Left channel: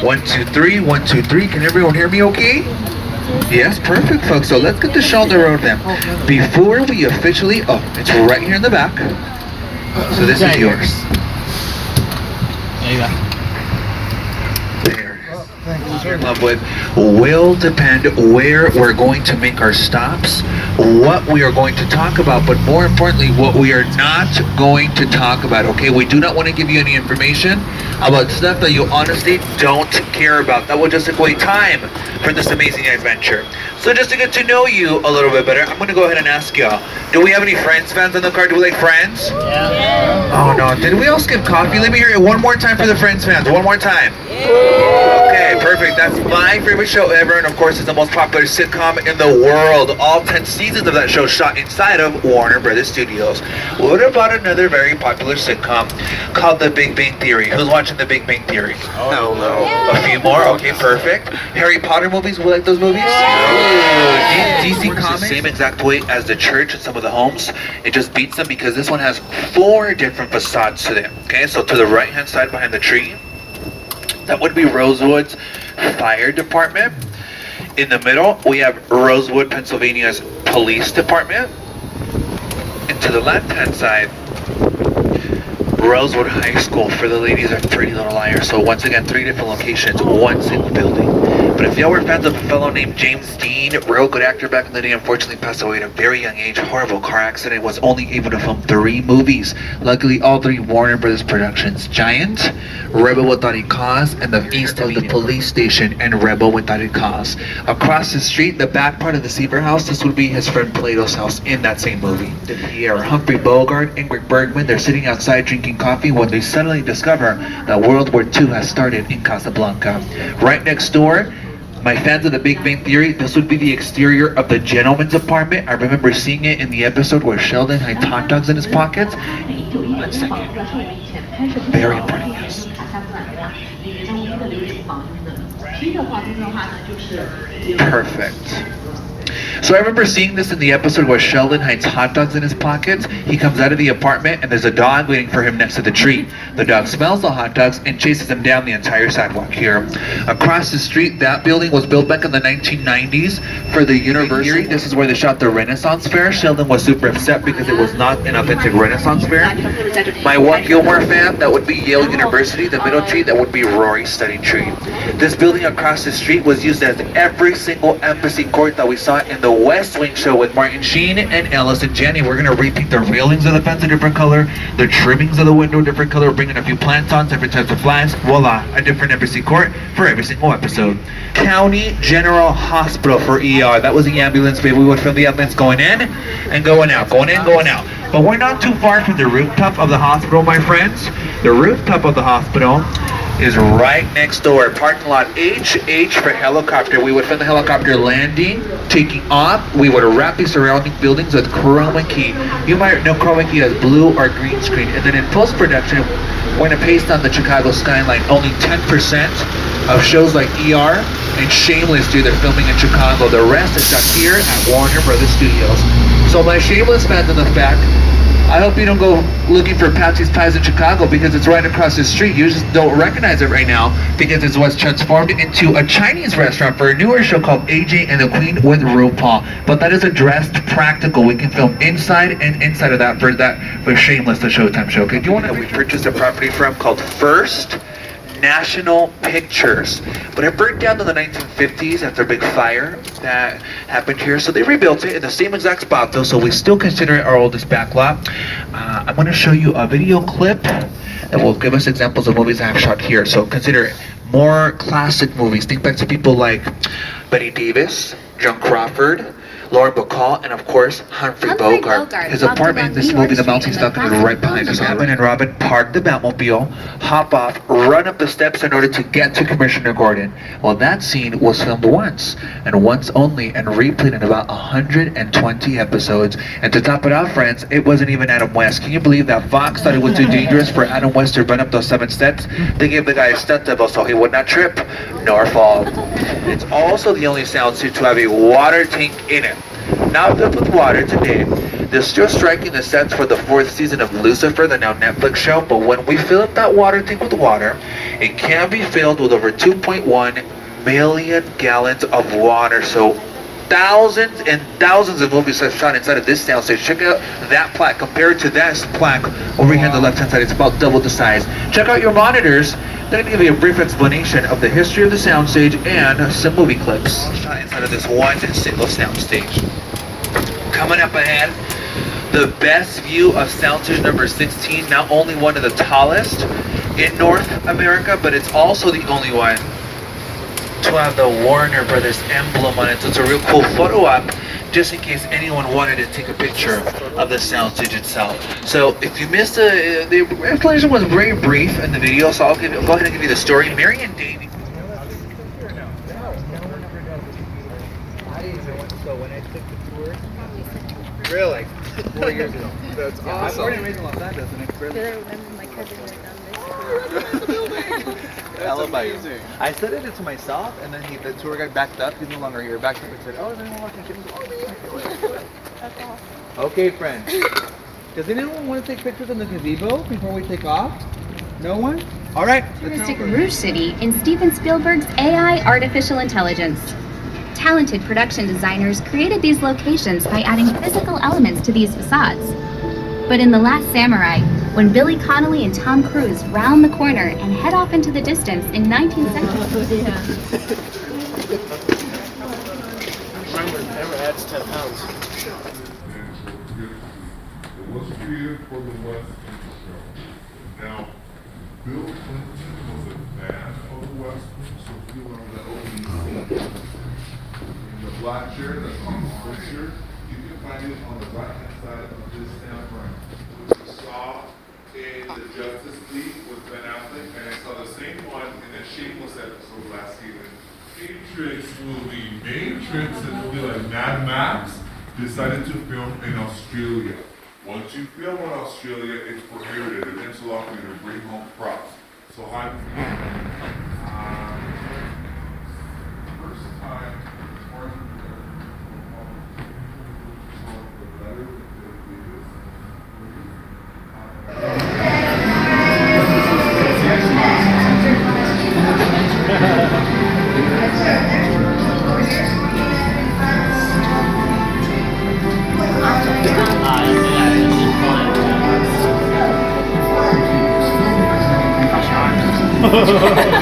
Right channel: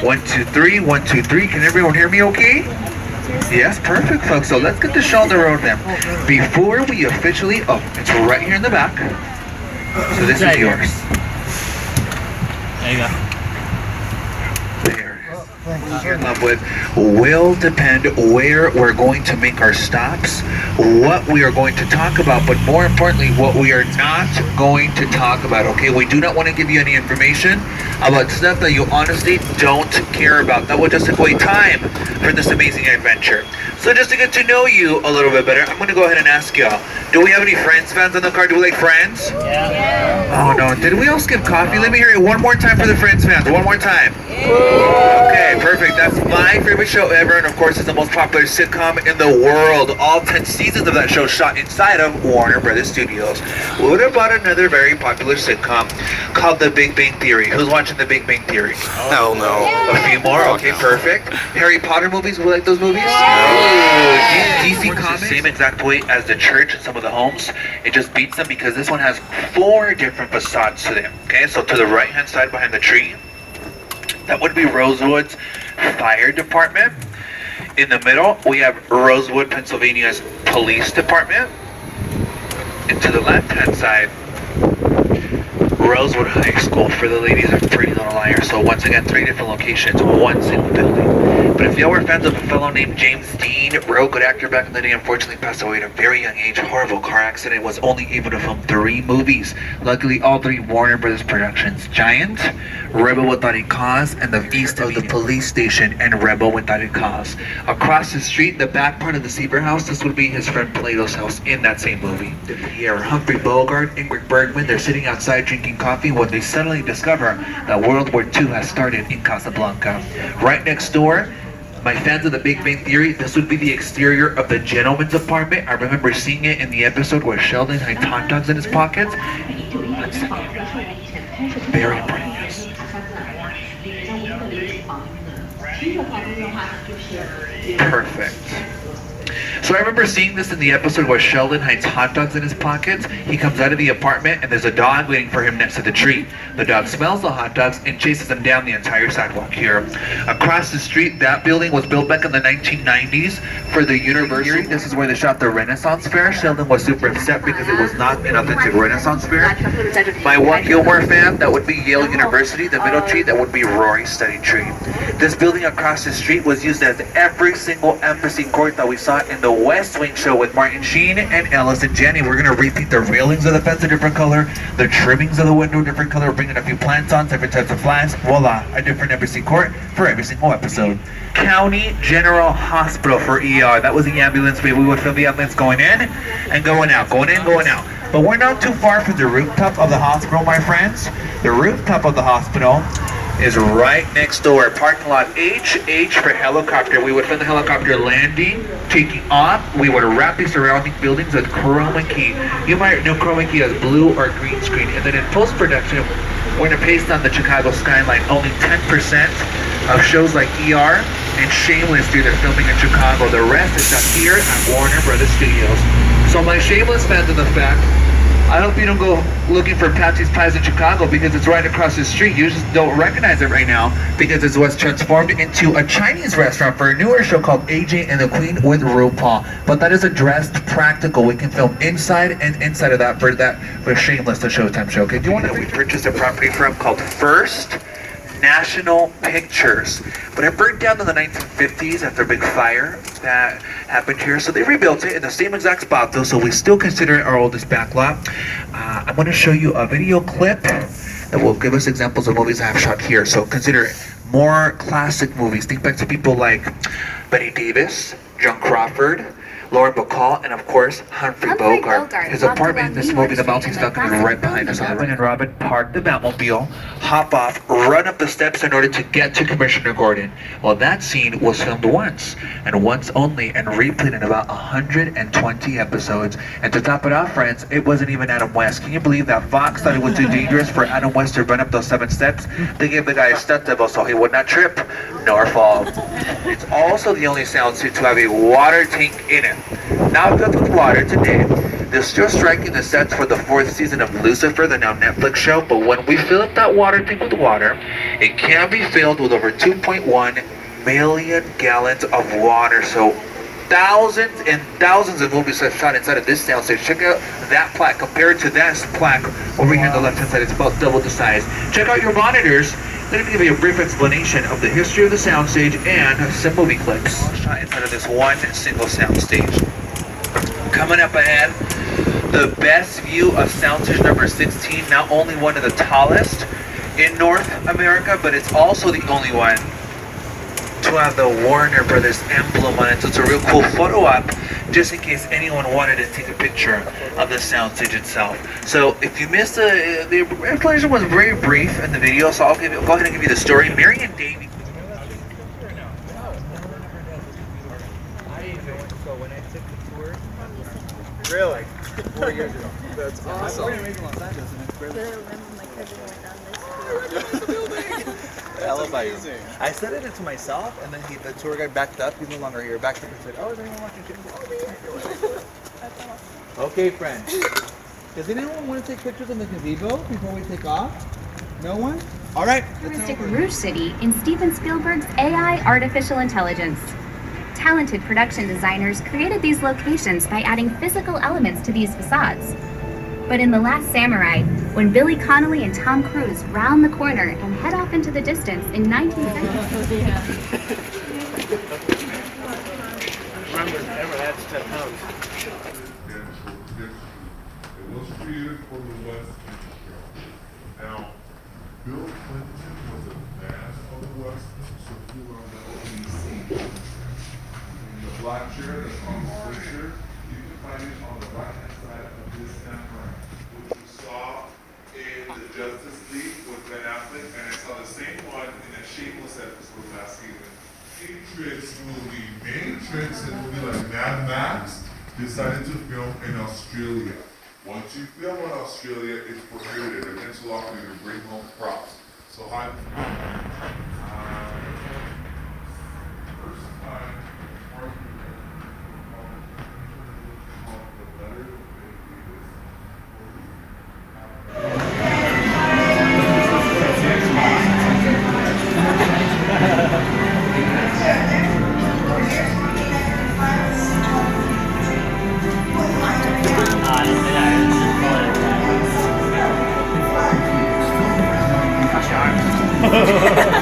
One, two, three. 1, 2, 3. Can everyone hear me okay? Yes, perfect, folks. So let's get the show on the road then. Before we officially, it's right here in the back. So this is yours. There you go. There it is. In love with will depend where we're going to make our stops, what we are going to talk about, but more importantly, what we are not going to talk about. Okay, we do not want to give you any information about stuff that you honestly don't care about. That will just take away time for this amazing adventure. So just to get to know you a little bit better, I'm going to go ahead and ask y'all, do we have any Friends fans in the car? Do we like Friends? Yeah. Oh no, did we all skip coffee? Let me hear it one more time for the Friends fans. One more time. Okay, perfect. That's my favorite show ever, and of course it's the most popular sitcom in the world. All 10 seasons of that show shot inside of Warner Brothers Studios. What about another very popular sitcom called The Big Bang Theory? Who's watching The Big Bang Theory? Hell no. A few more? Okay, perfect. Harry Potter movies? We like those movies? DC Comics? The same exact way as the church and some of the homes. It just beats them because this one has 4 different facades to them. Okay, so to the right hand side behind the tree, that would be Rosewood's fire department. In the middle, we have Rosewood, Pennsylvania's police department. And to the left-hand side, Rosewood High School for the ladies of Pretty Little Liars. So once again, 3 different locations, one single building. But if y'all were fans of a fellow named James Dean, real good actor back in the day, unfortunately passed away at a very young age, horrible car accident, was only able to film 3 movies. Luckily, all 3 Warner Brothers productions: Giant, Rebel Without a Cause, and The East of the Police Station, and Rebel Without a Cause. Across the street, the back part of the Seaver house, this would be his friend Plato's house in that same movie. Pierre, Humphrey Bogart, Ingrid Bergman, they're sitting outside drinking coffee when they suddenly discover that World War II has started in Casablanca. Right next door, my fans of The Big Bang Theory, this would be the exterior of the gentleman's apartment. I remember seeing it in the episode where Sheldon had hot dogs in his pockets. Very important, yes. Perfect. So I remember seeing this in the episode where Sheldon hides hot dogs in his pockets. He comes out of the apartment and there's a dog waiting for him next to the tree. The dog smells the hot dogs and chases him down the entire sidewalk here. Across the street, that building was built back in the 1990s for the university. This is where they shot the Renaissance Fair. Sheldon was super upset because it was not an authentic Renaissance Fair. My one Gilmore fan, that would be Yale University. The middle tree, that would be Rory's study tree. This building across the street was used as every single embassy court that we saw in the West Wing show with Martin Sheen and Allison Janney. We're gonna repaint the railings of the fence a different color, the trimmings of the window a different color, bringing a few plants on, different types of flags. Voila, a different embassy court for every single episode. County General Hospital for ER. That was the ambulance. We would film the ambulance going in and going out, going in, going out. But we're not too far from the rooftop of the hospital, my friends. The rooftop of the hospital is right next door. Parking lot H for helicopter. We would film the helicopter landing, taking off. We would wrap the surrounding buildings with chroma key. You might know chroma key as blue or green screen. And then in post-production, we're going to paste on the Chicago skyline. Only 10% of shows like ER and Shameless do their filming in Chicago. The rest is up here at Warner Brothers Studios. So my Shameless fans of the fact, I hope you don't go looking for Patsy's Pies in Chicago because it's right across the street. You just don't recognize it right now because it was transformed into a Chinese restaurant for a newer show called AJ and the Queen with RuPaul. But that is addressed practical. We can film inside and inside of that for Shameless, the Showtime show. Okay, if you want to, we purchased a property from called First National Pictures, but it burnt down in the 1950s after a big fire that happened here, so they rebuilt it in the same exact spot though, so we still consider it our oldest backlot. I'm going to show you a video clip that will give us examples of movies I have shot here, so consider it more classic movies. Think back to people like Betty Davis, Joan Crawford, Lauren Bacall, and of course, Humphrey Bogart. His apartment in this movie, The Mounting Falcon, is right behind us. Batman and Robin park the Batmobile, hop off, run up the steps in order to get to Commissioner Gordon. Well, that scene was filmed once, and once only, and replayed in about 120 episodes. And to top it off, friends, it wasn't even Adam West. Can you believe that Fox thought it was too dangerous for Adam West to run up those 7 steps? They gave the guy a stunt double so he would not trip nor fall. It's also the only sound suit to have a water tank in it. Not filled with water today, They're still striking the sets for the 4th season of Lucifer, the now Netflix show, but when we fill up that water tank with water, it can be filled with over 2.1 million gallons of water. So thousands and thousands of movies are shot inside of this soundstage. Check out that plaque compared to that plaque over here on the left hand side. It's about double the size. Check out your monitors. They're going to give you a brief explanation of the history of the soundstage and some movie clips. Shot inside of this one single soundstage. Coming up ahead, the best view of soundstage number 16, not only one of the tallest in North America, but it's also the only one to have the Warner Brothers emblem on it. So it's a real cool photo op, just in case anyone wanted to take a picture of the soundstage itself. So if you missed the explanation was very brief in the video, so I'm going to give you the story. Mary and Davey. I didn't even know when to go when I took the tour. Really? 4 years ago. That's awesome. I was born and raised in Los Angeles, and it's really. I said it to myself, and then the tour guide backed up. He's no longer here. Backed up and said, "Oh, is anyone watching shit?" That's awesome. Okay, friends. Does anyone want to take pictures in the gazebo before we take off? No one? All right. Futuristic Rouge City in Steven Spielberg's AI artificial intelligence. Talented production designers created these locations by adding physical elements to these facades. But in The Last Samurai, when Billy Connolly and Tom Cruise round the corner and head off into the distance in 1970. Now, Bill Clinton was a fan of the Western, so he learned that opening in the black chair that's on the picture, you can find it on the right-hand side of this samurai. What you saw in the Justice League with Ben Affleck, and I saw the same one in the Shameless episode last season. Matrix Matrix and movie like Mad Max decided to film in Australia. Once you film in Australia, it's prohibited. Against the law for you to bring home props. So I first time Ha ha ha ha.